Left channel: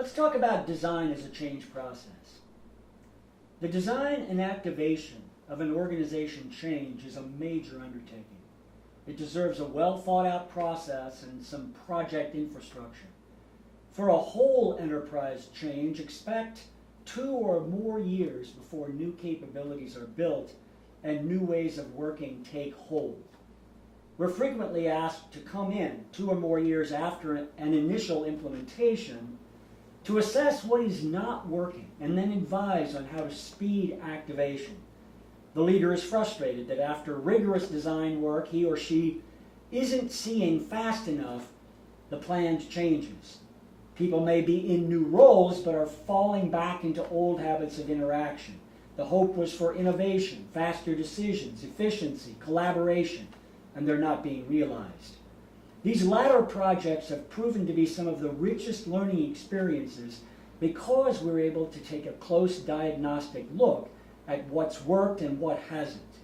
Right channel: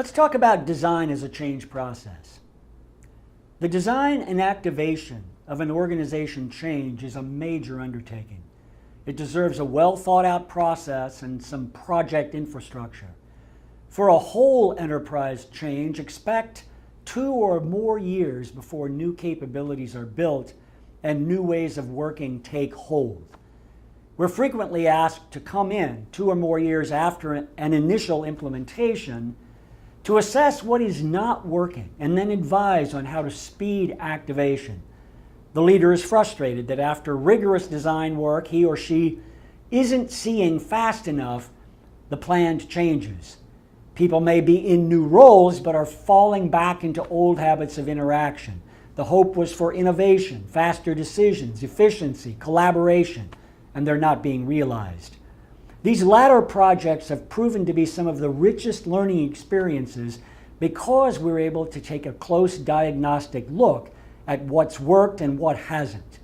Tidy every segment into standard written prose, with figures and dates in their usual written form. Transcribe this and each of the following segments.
Let's talk about design as a change process. The design and activation of an organization change is a major undertaking. It deserves a well thought out process and some project infrastructure. For a whole enterprise change, expect 2 or more years before new capabilities are built and new ways of working take hold. We're frequently asked to come in 2 or more years after an initial implementation to assess what is not working and then advise on how to speed activation. The leader is frustrated that after rigorous design work, he or she isn't seeing fast enough the planned changes. People may be in new roles but are falling back into old habits of interaction. The hope was for innovation, faster decisions, efficiency, collaboration, and they're not being realized. These latter projects have proven to be some of the richest learning experiences because we're able to take a close diagnostic look at what's worked and what hasn't.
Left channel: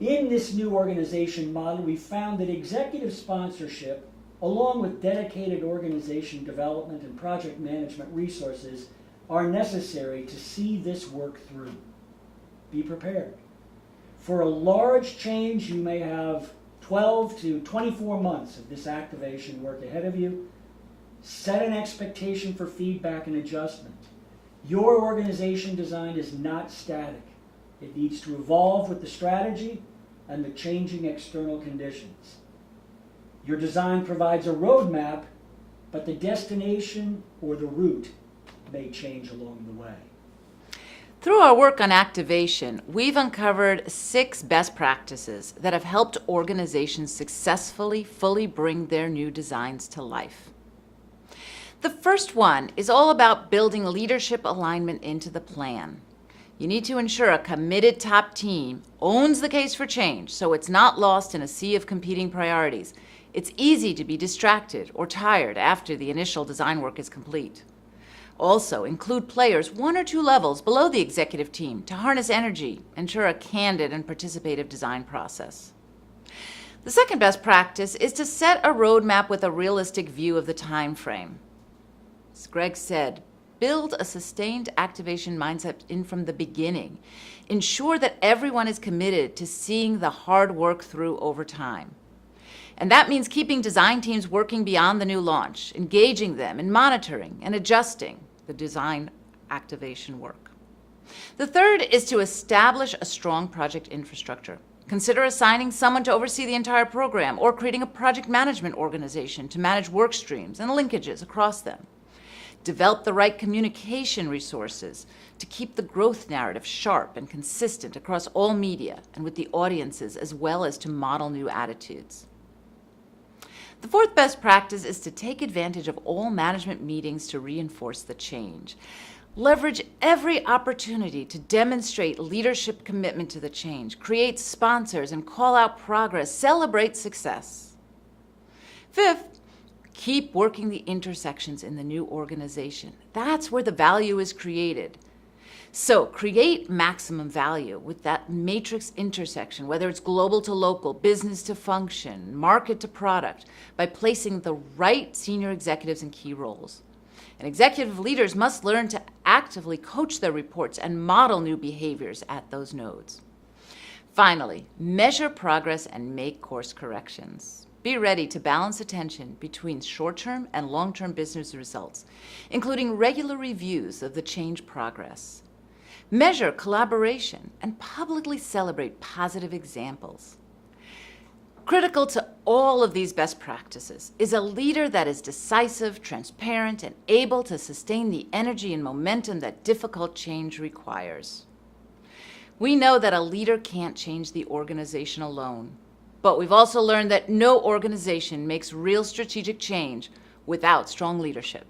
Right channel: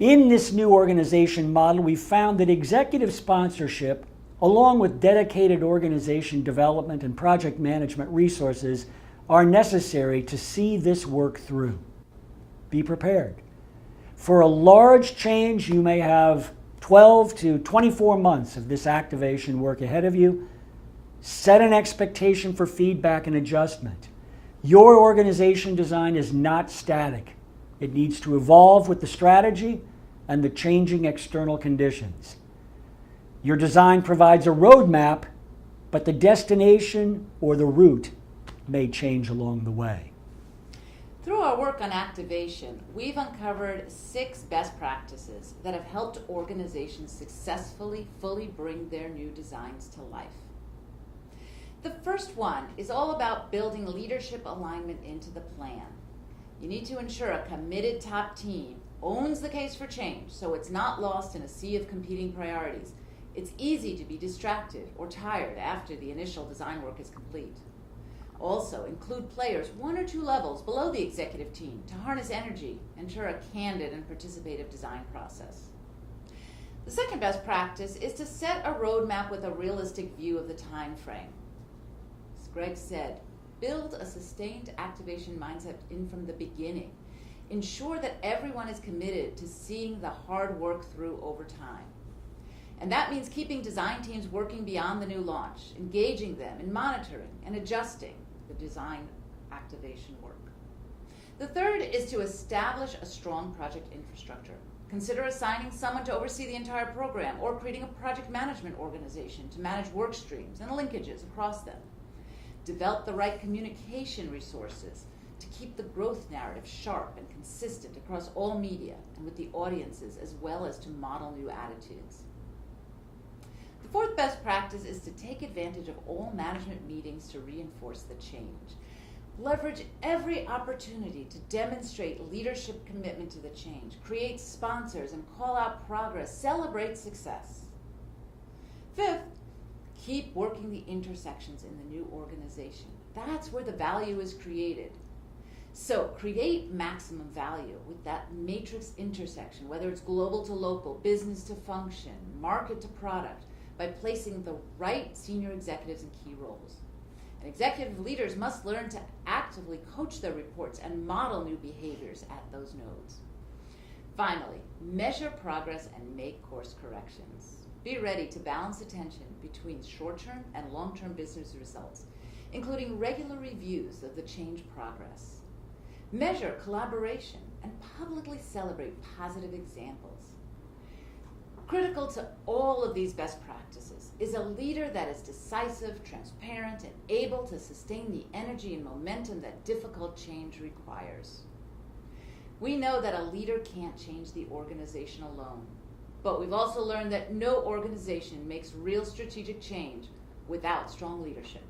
In this new organization model, we found that executive sponsorship, along with dedicated organization development and project management resources, are necessary to see this work through. Be prepared. For a large change, you may have 12 to 24 months of this activation work ahead of you. Set an expectation for feedback and adjustment. Your organization design is not static. It needs to evolve with the strategy and the changing external conditions. Your design provides a roadmap, but the destination or the route may change along the way. Through our work on activation, we've uncovered 6 best practices that have helped organizations successfully fully bring their new designs to life. The first one is all about building leadership alignment into the plan. You need to ensure a committed top team owns the case for change so it's not lost in a sea of competing priorities. It's easy to be distracted or tired after the initial design work is complete. Also, include players 1 or 2 levels below the executive team to harness energy, ensure a candid and participative design process. The second best practice is to set a roadmap with a realistic view of the time frame. As Greg said, build a sustained activation mindset in from the beginning. Ensure that everyone is committed to seeing the hard work through over time. And that means keeping design teams working beyond the new launch, engaging them in monitoring and adjusting the design activation work. The third is to establish a strong project infrastructure. Consider assigning someone to oversee the entire program or creating a project management organization to manage work streams and linkages across them. Develop the right communication resources to keep the growth narrative sharp and consistent across all media and with the audiences, as well as to model new attitudes. The fourth best practice is to take advantage of all management meetings to reinforce the change. Leverage every opportunity to demonstrate leadership commitment to the change, create sponsors and call out progress, celebrate success. Fifth, keep working the intersections in the new organization. That's where the value is created. So create maximum value with that matrix intersection, whether it's global to local, business to function, market to product, by placing the right senior executives in key roles. And executive leaders must learn to actively coach their reports and model new behaviors at those nodes. Finally, measure progress and make course corrections. Be ready to balance attention between short-term and long-term business results, including regular reviews of the change progress. Measure collaboration and publicly celebrate positive examples. Critical to all of these best practices is a leader that is decisive, transparent, and able to sustain the energy and momentum that difficult change requires. We know that a leader can't change the organization alone, but we've also learned that no organization makes real strategic change without strong leadership.